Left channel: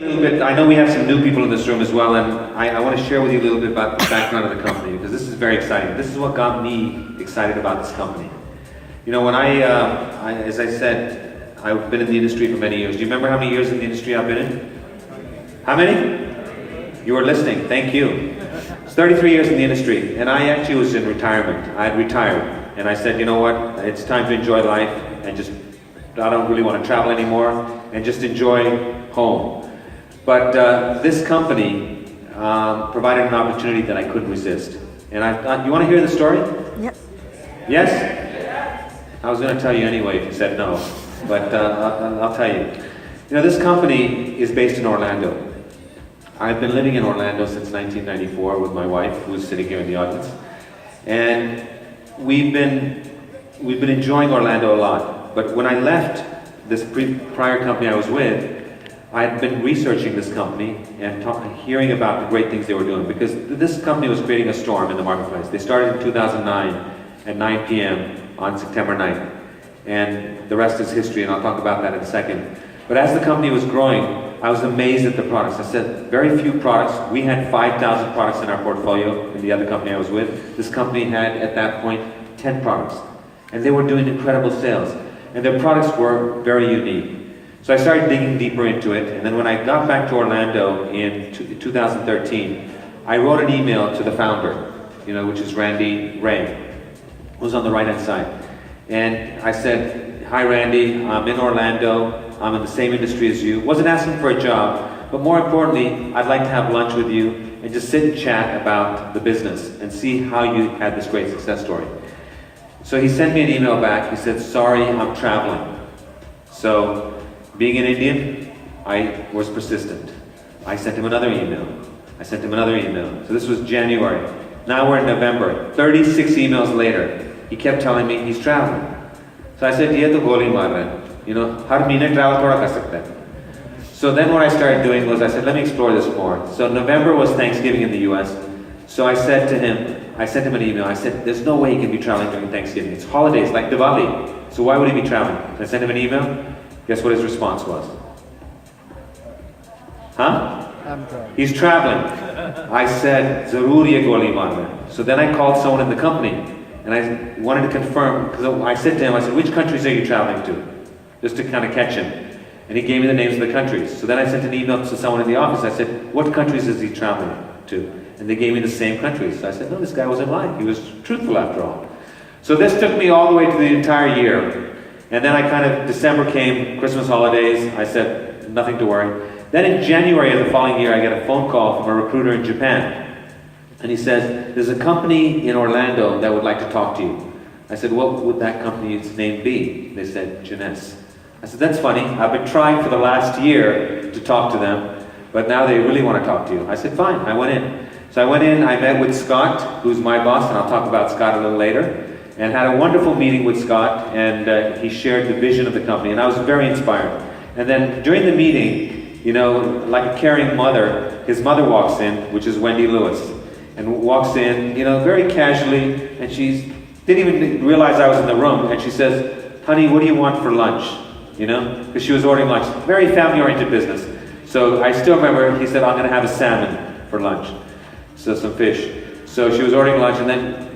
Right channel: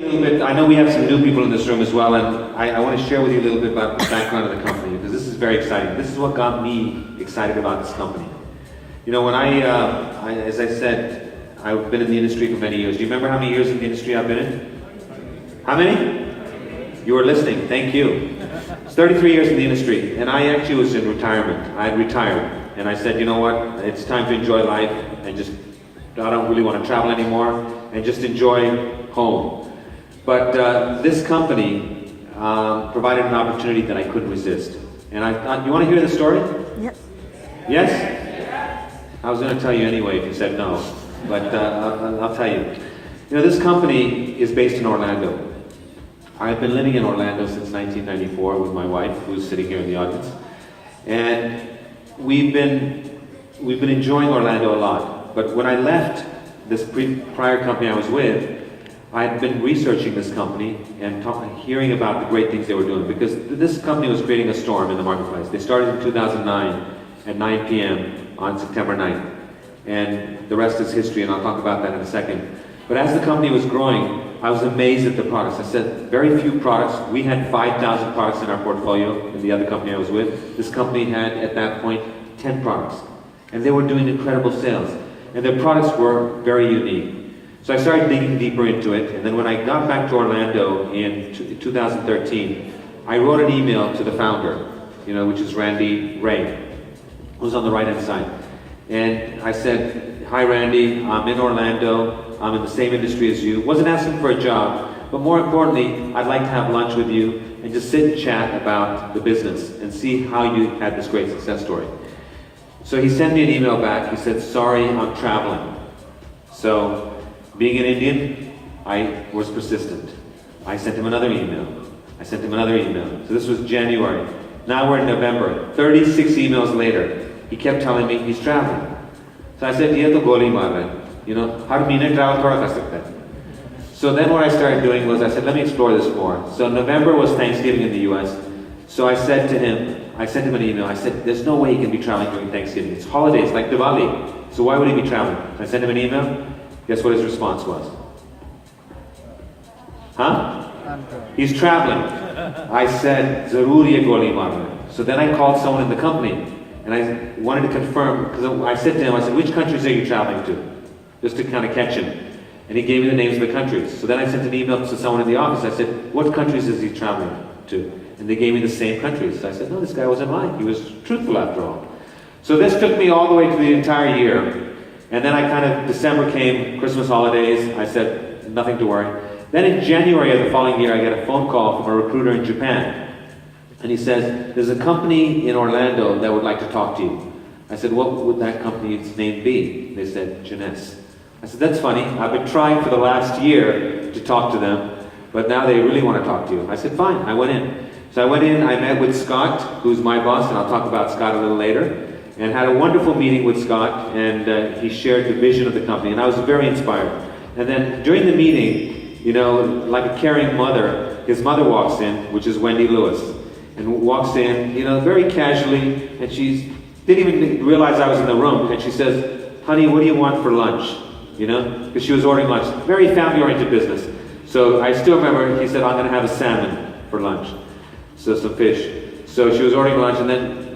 A little bit, I know we have some new people in this room as well, and I want to share with you a little bit about the background of the company, because this is very exciting. This is what got me excited about this company. You know, when as I said, I've been in the industry for many years. Do you remember how many years in the industry I've been in? How many? You were listening, thank you. It's 33 years in the industry, and I actually was in retirement. I had retired, and I said, you know what, it's time to enjoy life, and I don't really want to travel anymore, and just enjoy home. But this company provided an opportunity that I couldn't resist. And I thought, you want to hear the story? Yep. Yes? I was going to tell you anyway if you said no, but I'll tell you. You know, this company is based in Orlando. I've been living in Orlando since 1994 with my wife, who's sitting here in the audience. And we've been enjoying Orlando a lot. But when I left this prior company I was with, I had been researching this company and hearing about the great things they were doing, because this company was creating a storm in the marketplace. They started in 2009 at 9 p.m. on September 9th. And the rest is history, and I'll talk about that in a second. But as the company was growing, I was amazed at the products. I said, very few products. We had 5,000 products in our portfolio in the other company I was with. This company had, at that point, 10 products. And they were doing incredible sales. And their products were very unique. So I started digging deeper into it, and then when I got back to Orlando in 2013, I wrote an email to the founder, you know, which is Randy Ray, who's on the right-hand side. And I said, hi Randy, I'm in Orlando, I'm in the same industry as you. Wasn't asking for a job, but more importantly, I'd like to have lunch with you and just sit and chat about the business and see how you had this great success story. So he sent me an email back. He said, sorry, I'm traveling. So, being an Indian, I was persistent. I sent him another email. I sent him another email. So this was January. Now we're in November. 36 emails later, he kept telling me he's traveling. So I said, "Ye to goli maar raha hai. You know, har mahine travel thoda kar sakta hai." So then what I started doing was I said, let me explore this more. So November was Thanksgiving in the US. So I said to him, I sent him an email. I said, there's no way he can be traveling during Thanksgiving. It's holidays, like Diwali. So why would he be traveling? So I sent him an email. Guess what his response was? Huh? He's traveling. I said, Zarur ye goli maar raha hai. So then I called someone in the company, and I wanted to confirm, because I said to him, I said, which countries are you traveling to? Just to kind of catch him. And he gave me the names of the countries. So then I sent an email to someone in the office. I said, what countries is he traveling to? And they gave me the same countries. So I said, no, this guy wasn't lying. He was truthful after all. So this took me all the way to the entire year. And then December came, Christmas holidays. I said, nothing to worry. Then in January of the following year, I get a phone call from a recruiter in Japan. And he says, there's a company in Orlando that would like to talk to you. I said, what would that company's name be? They said, Jeunesse. I said, that's funny. I've been trying for the last year to talk to them, but now they really want to talk to you. I said, fine. I went in. So I went in, I met with Scott, who's my boss, and I'll talk about Scott a little later, and had a wonderful meeting with Scott, and he shared the vision of the company, and I was very inspired. And then during the meeting, you know, like a caring mother, his mother walks in, which is Wendy Lewis, and walks in, you know, very casually, and she didn't even realize I was in the room, and she says, honey, what do you want for lunch? You know, because she was ordering lunch. Very family-oriented business. So I still remember, he said, I'm going to have a salmon for lunch. So some fish. So she was ordering lunch, and then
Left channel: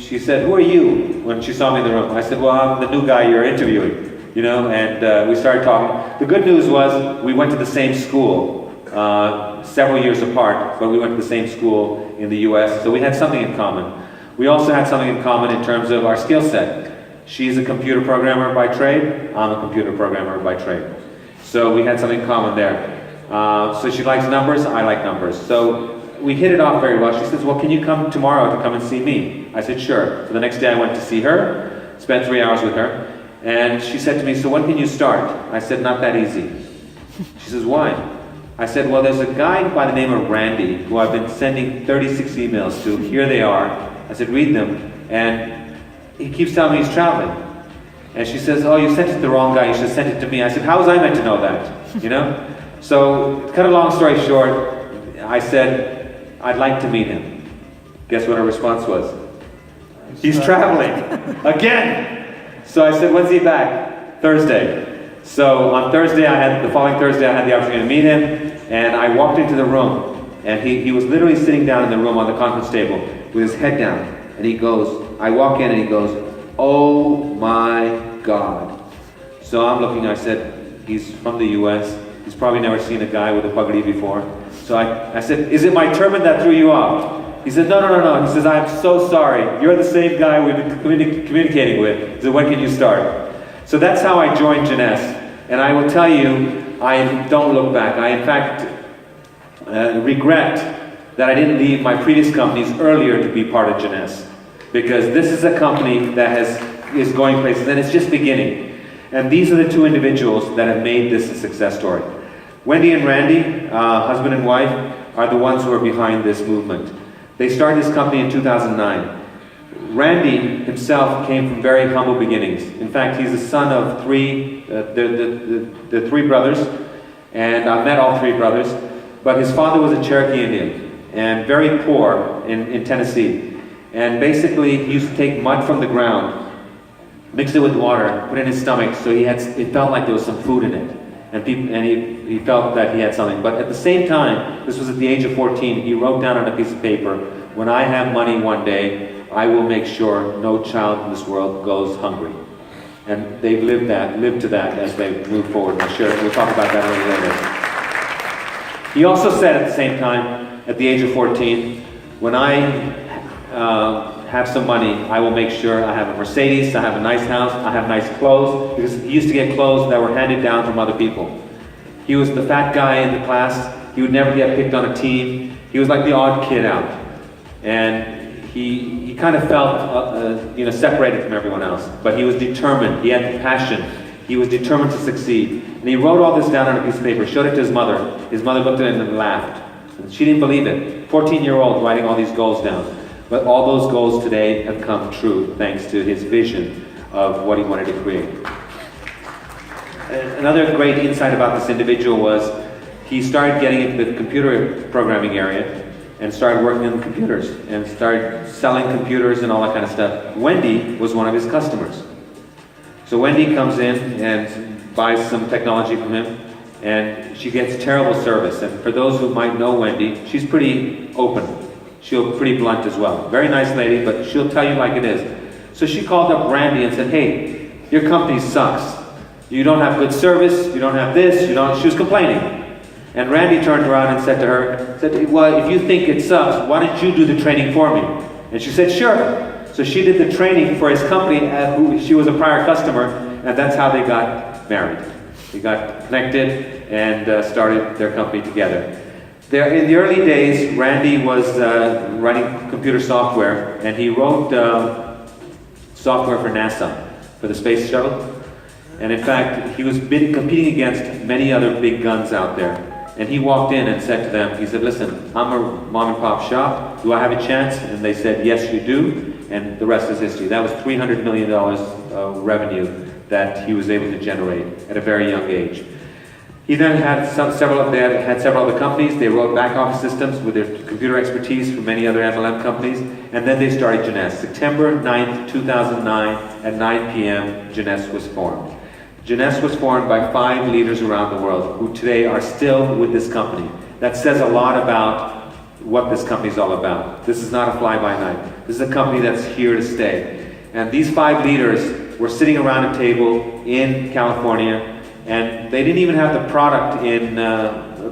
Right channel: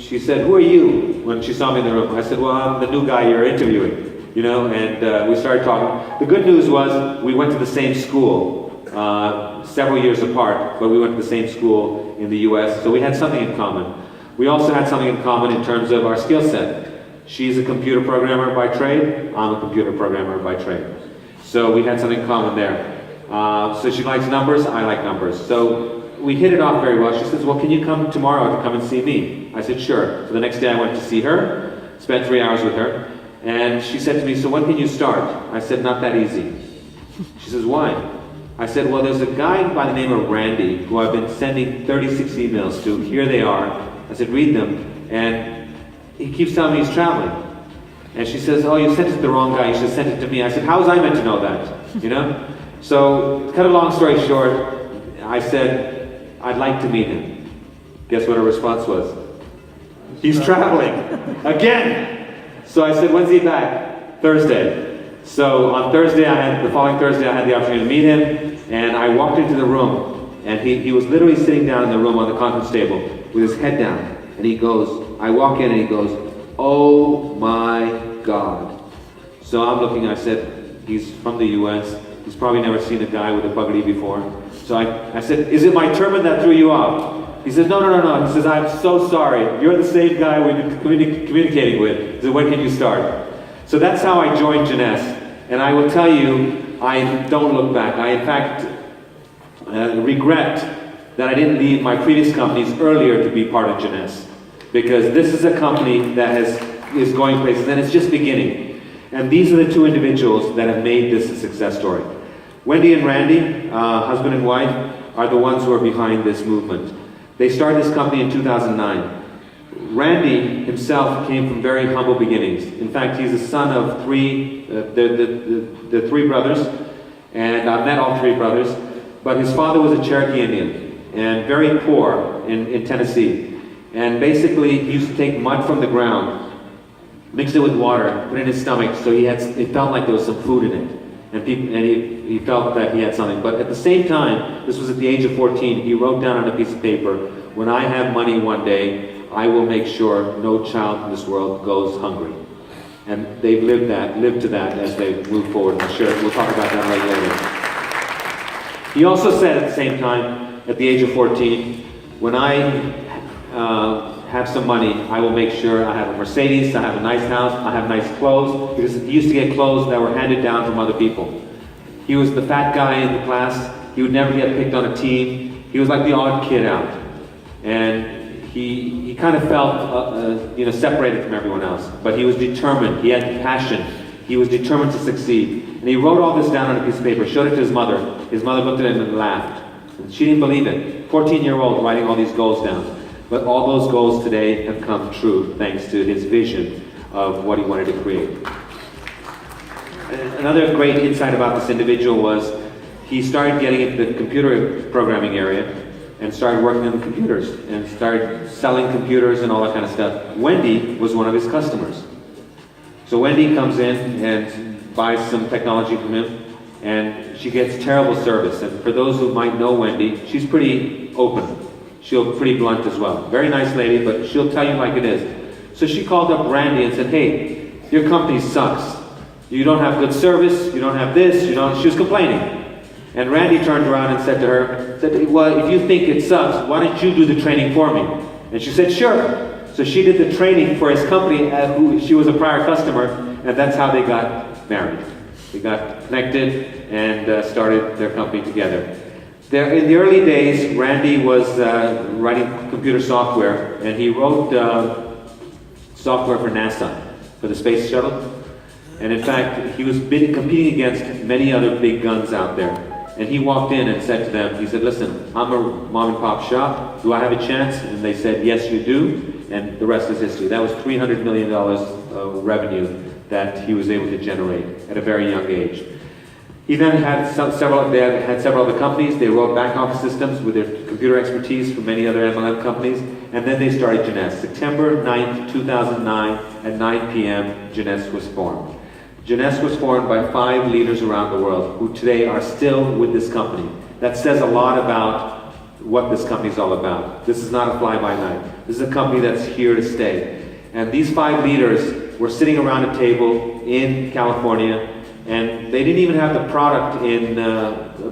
she said, who are you? When she saw me in the room. I said, well, I'm the new guy you're interviewing. You know, and we started talking. The good news was we went to the same school, several years apart, but we went to the same school in the US, so we had something in common. We also had something in common in terms of our skill set. She's a computer programmer by trade, I'm a computer programmer by trade. So we had something in common there. So she likes numbers, I like numbers. So we hit it off very well. She says, well, can you come tomorrow to come and see me? I said, sure. So the next day I went to see her, spent 3 hours with her, and she said to me, so when can you start? I said, not that easy. She says, why? I said, well, there's a guy by the name of Randy who I've been sending 36 emails to. Here they are. I said, read them. And he keeps telling me he's traveling. And she says, oh, you sent it to the wrong guy. You should have sent it to me. I said, how was I meant to know that? You know? So, cut a long story short, I said, I'd like to meet him. Guess what her response was? He's traveling. Again! So I said, when's he back? Thursday. So on the following Thursday, I had the opportunity to meet him, and I walked into the room, and he was literally sitting down in the room on the conference table with his head down, and he goes, I walk in and he goes, "Oh my God." So I'm looking, I said, he's from the US, he's probably never seen a guy with a pugady before. So I said, "Is it my turban that threw you off?" He said, no. He says, "I'm so sorry. You're the same guy we've been communicating with." He said, "When can you start?" So that's how I joined Jeunesse. And I will tell you, I don't look back. I, in fact, regret that I didn't leave my previous companies earlier to be part of Jeunesse. Because this is a company that is going places, and it's just beginning. And these are the two individuals that have made this a success story. Wendy and Randy, husband and wife, are the ones who are behind this movement. They started this company in 2009. Randy himself came from very humble beginnings. In fact, he's the son of the three brothers, and I've met all three brothers, but his father was a Cherokee Indian, and very poor in Tennessee. And basically, he used to take mud from the ground, mix it with water, put it in his stomach, so it felt like there was some food in it. And he felt that he had something. But at the same time, this was at the age of 14, he wrote down on a piece of paper, "When I have money one day, I will make sure no child in this world goes hungry." And they've lived to that as they move forward. I'm sure we'll talk about that a little later. He also said at the same time, at the age of 14, "When I have some money, I will make sure I have a Mercedes, I have a nice house, I have nice clothes," because he used to get clothes that were handed down from other people. He was the fat guy in the class. He would never get picked on a team. He was like the odd kid out. And he kind of felt separated from everyone else. But he was determined. He had passion. He was determined to succeed. And he wrote all this down on a piece of paper, showed it to his mother. His mother looked at it and laughed. And she didn't believe it. 14-year-old writing all these goals down. But all those goals today have come true thanks to his vision of what he wanted to create. Another great insight about this individual was he started getting into the computer programming area and started working on computers and started selling computers and all that kind of stuff. Wendy was one of his customers. So Wendy comes in and buys some technology from him, and she gets terrible service. And for those who might know Wendy, she's pretty open. She'll pretty blunt as well. Very nice lady, but she'll tell you like it is. So she called up Randy and said, "Hey, your company sucks. You don't have good service, you don't have this, she was complaining. And Randy turned around and said to her, "Well, if you think it sucks, why don't you do the training for me?" And she said, "Sure." So she did the training for his company, she was a prior customer, and that's how they got married. They got connected and started their company together. In the early days, Randy was writing computer software, and he wrote software for NASA, for the space shuttle. And in fact, he was competing against many other big guns out there. And he walked in and said to them, he said, "Listen, I'm a mom and pop shop. Do I have a chance?" And they said, "Yes, you do." And the rest is history. That was $300 million of revenue that he was able to generate at a very young age. He then had several other companies. They wrote back office systems with their computer expertise from many other MLM companies. And then they started Jeunesse. September 9th, 2009 at 9 p.m., Jeunesse was formed. Jeunesse was formed by 5 leaders around the world who today are still with this company. That says a lot about what this company is all about. This is not a fly-by-night. This is a company that's here to stay. And these 5 leaders were sitting around a table in California, and they didn't even have the product in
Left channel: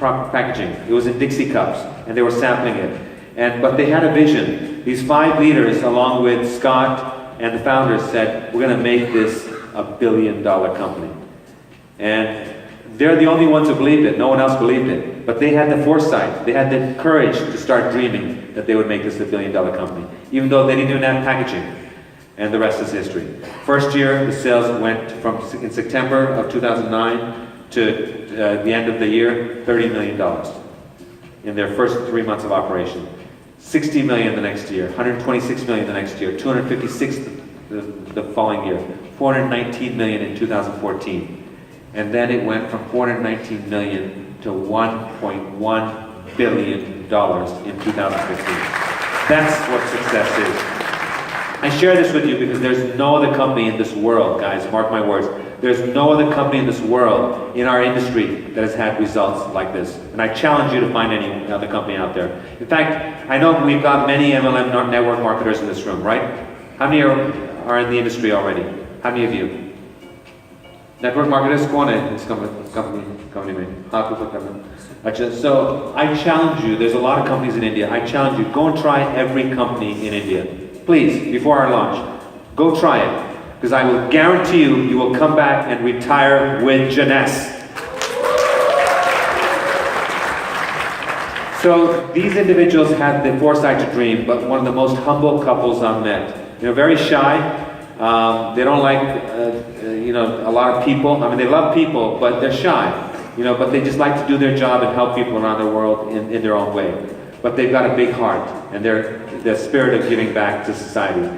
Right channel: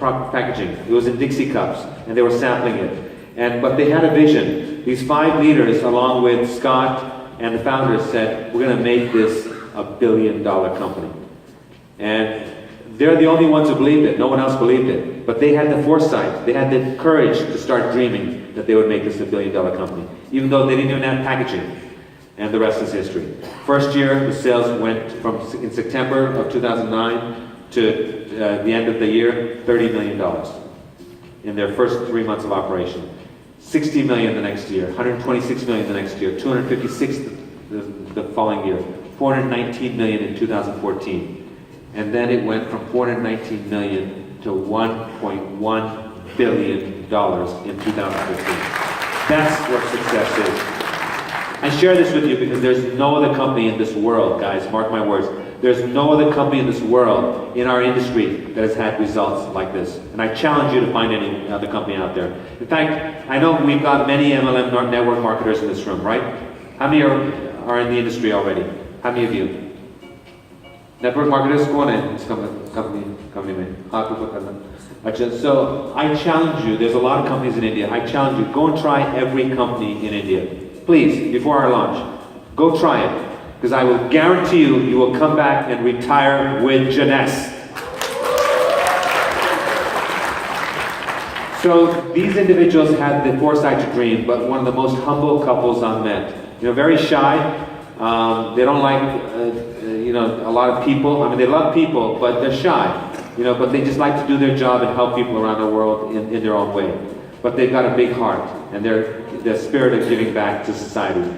proper packaging. It was in Dixie cups, and they were sampling it. But they had a vision. These 5 leaders, along with Scott and the founders, said, "We're going to make this a billion-dollar company." And they're the only ones who believed it. No one else believed it. But they had the foresight. They had the courage to start dreaming that they would make this a billion-dollar company, even though they didn't even have packaging. And the rest is history. First year, the sales went from, in September of 2009 to the end of the year, $30 million in their first 3 months of operation. $60 million the next year, $126 million the next year, $256 the following year, $419 million in 2014. And then it went from $419 million to $1.1 billion in 2015. That's what success is. I share this with you because there's no other company in this world, guys, mark my words, There's no other company in this world, in our industry, that has had results like this. And I challenge you to find any other company out there. In fact, I know we've got many MLM network marketers in this room, right? How many are in the industry already? How many of you? Network marketers, कौन है इस company में? हाँ, कुछ करना. अच्छा, so I challenge you. There's a lot of companies in India. I challenge you. Go and try every company in India, please. Before our launch, go try it, because I will guarantee you will come back and retire with Jeunesse. So these individuals had the foresight to dream, but one of the most humble couples I've met. You know, very shy. They don't like, a lot of people. I mean, they love people, but they're shy. But they just like to do their job and help people around the world in their own way. But they've got a big heart and their spirit of giving back to society.